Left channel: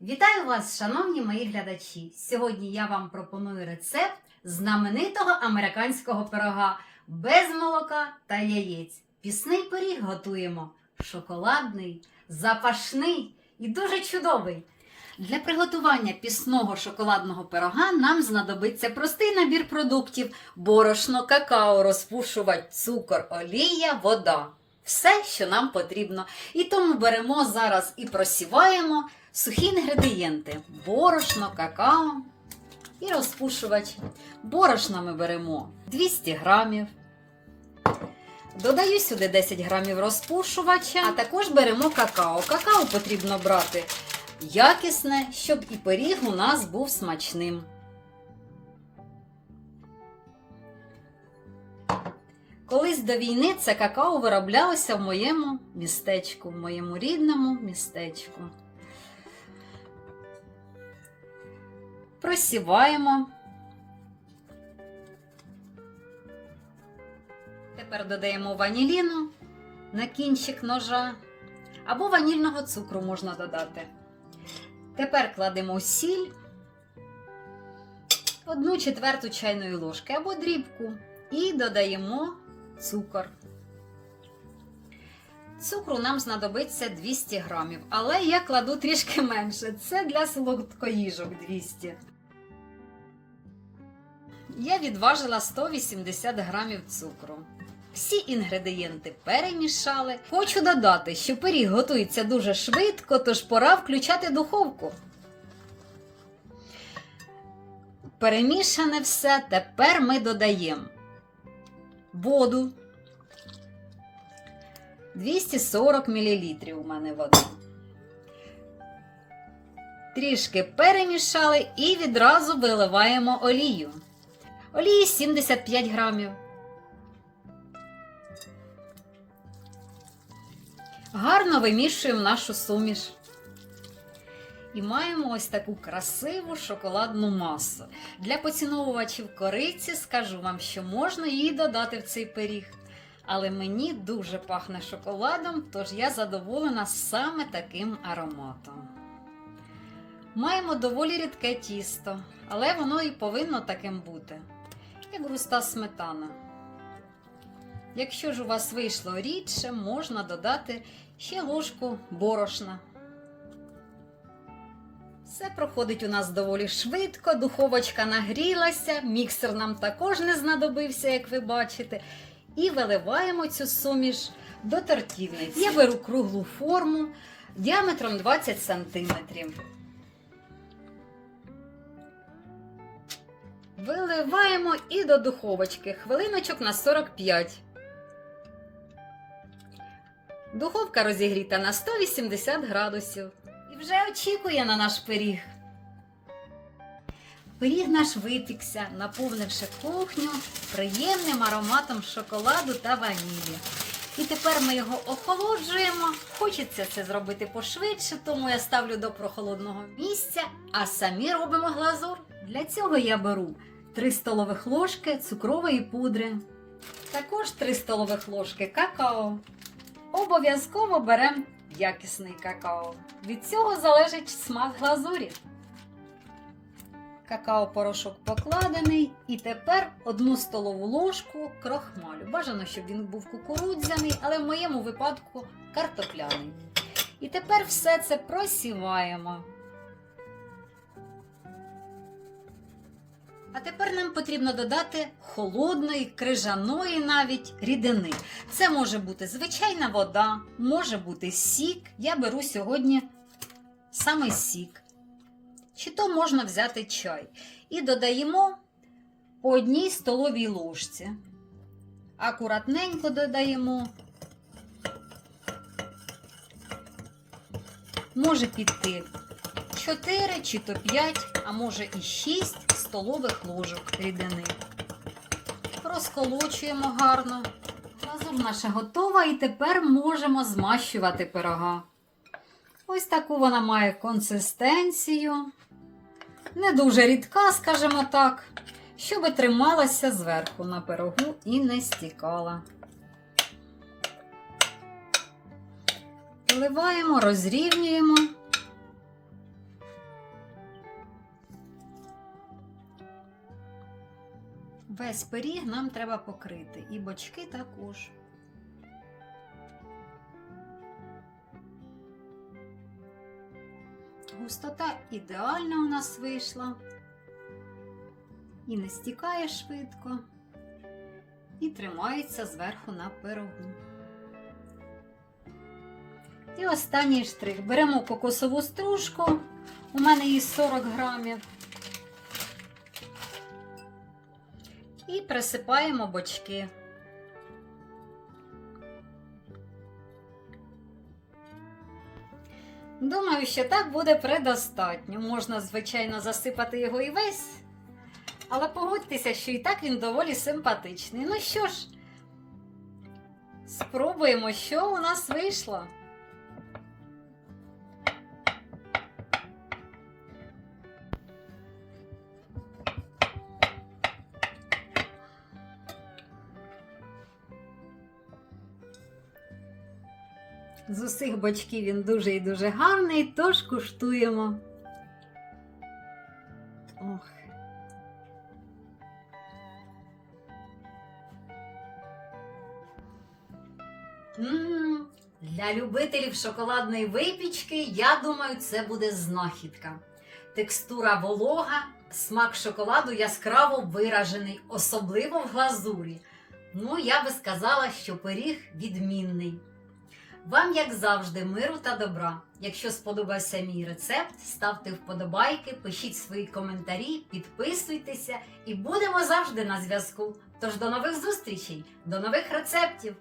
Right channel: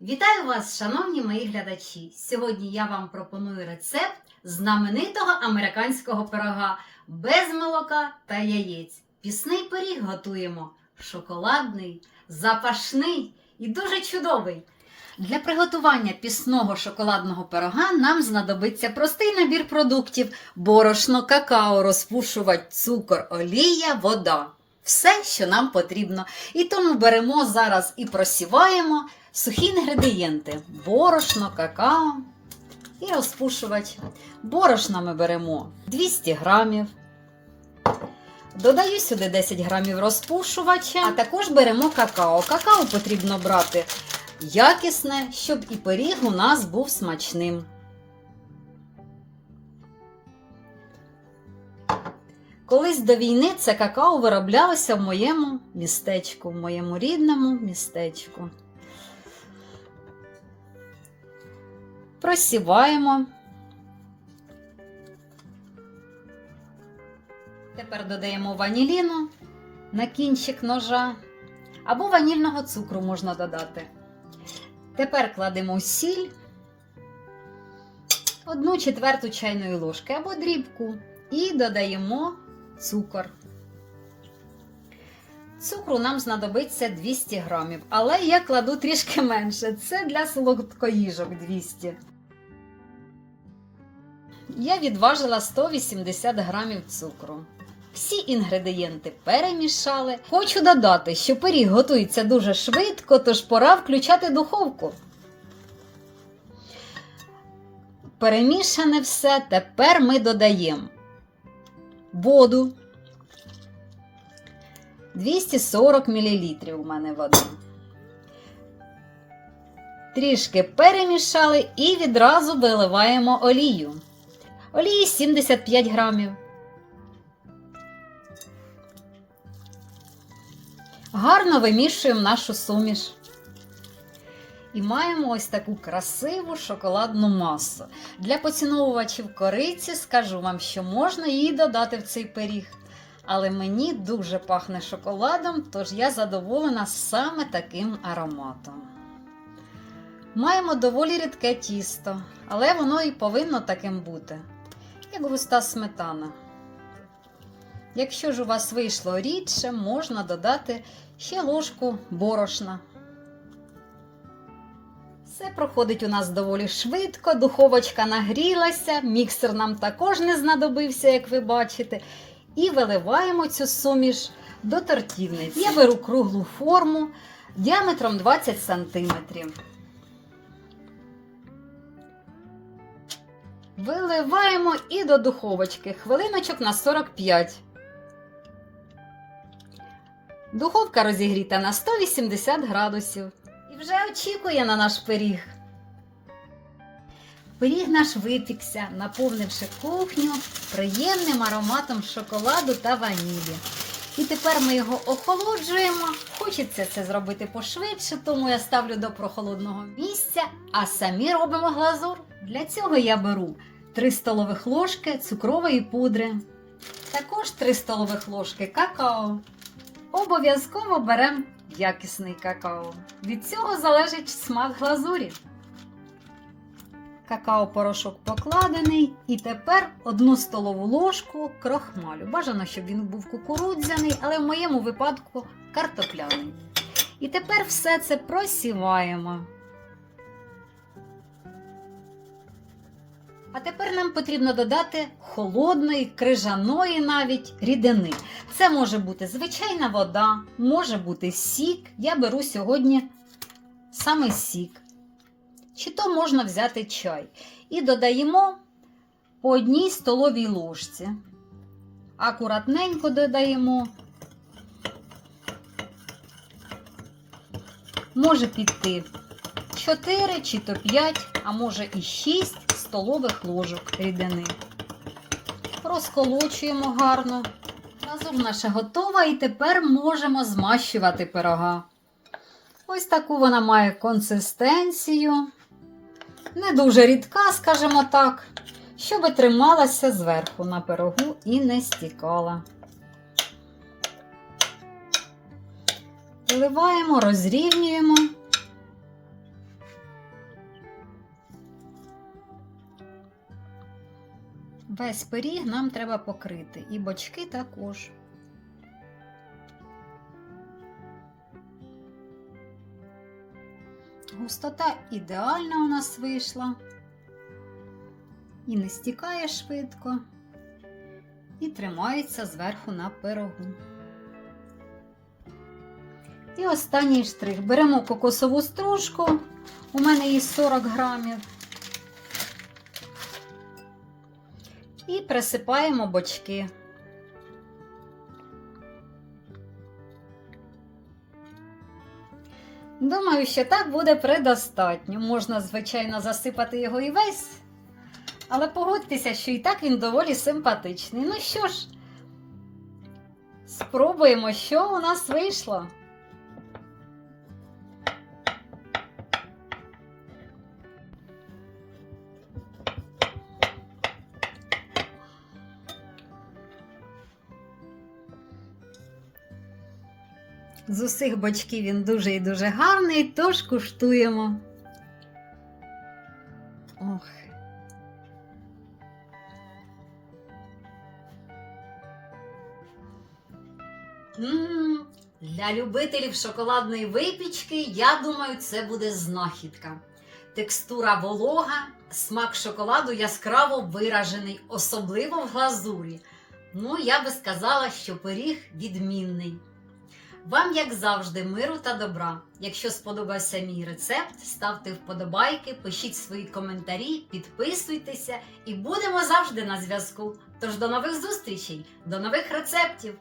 Вітаю вас, шановні мої глядачі! Сьогодні я вам пропоную рецепт знаменитого американського пирога без молока та яєць. Пісний пиріг готуємо шоколадний, запашний і дуже чудовий. Для приготування пісного шоколадного пирога нам знадобиться простий набір продуктів: борошно, какао, розпушувач, цукор, олія, вода. Все, що нам потрібно. І тому беремо зараз і просіваємо сухі інгредієнти: борошно, какао і розпушувач. Борошна ми беремо 200 грамів. Додаю сюди 10 грамів розпушувача, а також беремо какао. Какао потрібно брати якісне, щоб і пиріг у нас був смачним. Колись до війни це какао вироблялося в моєму містечку, в моєму рідному містечку. Просіваємо. Тепер додаємо ваніліну на кінчик ножа або ванільного цукру можна додати. Тепер кладемо сіль, одну четверту чайної ложки або дрібку і додаємо цукор. Цукру нам знадобиться 200 грамів, але я кладу трішки менше. Це для солодкоїжок 200. Я відважила 180 грамів цукру. Всі інгредієнти перемішали. Хочу додати, що пиріг готується дуже швидко, тож пора включати духовку. Перемішане все, тепер ми додаємо воду. 240 мл у мене вода. Трішки перемішали і відразу виливаємо олію. Олії 75 грамів. Гарно вимішуємо нашу суміш. І маємо ось таку красиву шоколадну масу. Для поціновувачів кориці скажу вам, що можна її додати в цей пиріг. Але мені дуже пахне шоколадом, тож я задоволена саме таким ароматом. Маємо доволі рідке тісто, але воно і повинно таким бути, як густа сметана. Якщо ж у вас вийшло рідше, можна додати ще ложку борошна. Все проходить у нас доволі швидко, духовочка нагрілася, міксер нам також не знадобився, як ви бачите. І виливаємо цю суміш до тортівниці. Я беру круглу форму діаметром 20 см. Виливаємо і до духовочки хвилиночок на 45. Духовка розігріта на 180 градусів. Вже очікує на наш пиріг. Пиріг наш випікся, наповнивши кухню приємним ароматом шоколаду та ванілі. І тепер ми його охолоджуємо. Хочеться це зробити пошвидше, тому я ставлю до прохолодного місця, а самі робимо глазур. Для цього я беру 3 столових ложки цукрової пудри, також 3 столових ложки какао. Обов'язково беремо якісний какао. Від цього залежить смак глазурі. Какао-порошок покладений. І тепер одну столову ложку крохмалю. Бажано, щоб він був кукурудзяний, але в моєму випадку картопляний. І тепер все це просіваємо. А тепер нам потрібно додати холодної, крижаної навіть рідини. Це може бути звичайна вода, може бути сік. Я беру сьогодні саме сік. Чи то можна взяти чай. І додаємо по одній столовій ложці. Акуратненько додаємо. Може піти 4 чи то 5, а може і 6 столових ложок рідини. Розколочуємо гарно. Глазур наша готова і тепер можемо змащувати пирога. Ось таку вона має консистенцію. Не дуже рідка, скажімо так, щоб трималася зверху на пирогу і не стікала. Виливаємо, розрівнюємо. Весь пиріг нам треба покрити, і бочки також. Густота ідеальна у нас вийшла. І не стікає швидко, і тримається зверху на пирогу. І останній штрих. Беремо кокосову стружку, у мене її 40 грамів. І присипаємо бочки. Думаю, що так буде предостатньо. Можна, звичайно, засипати його і весь. Але погодьтеся, що і так він доволі симпатичний. Ну що ж, спробуємо, що у нас вийшло. З усіх бочків він дуже і дуже гарний, тож куштуємо. Ох. М, Для любителів шоколадної випічки, я думаю, це буде знахідка. Текстура волога, смак шоколаду яскраво виражений, особливо в глазурі. Ну, я би сказала, що пиріг відмінний. Вам, як завжди, миру та добра. Якщо сподобався мій рецепт, ставте вподобайки, пишіть свої коментарі, підписуйтеся і будемо завжди на зв'язку. Тож до нових зустрічей, до нових рецептів!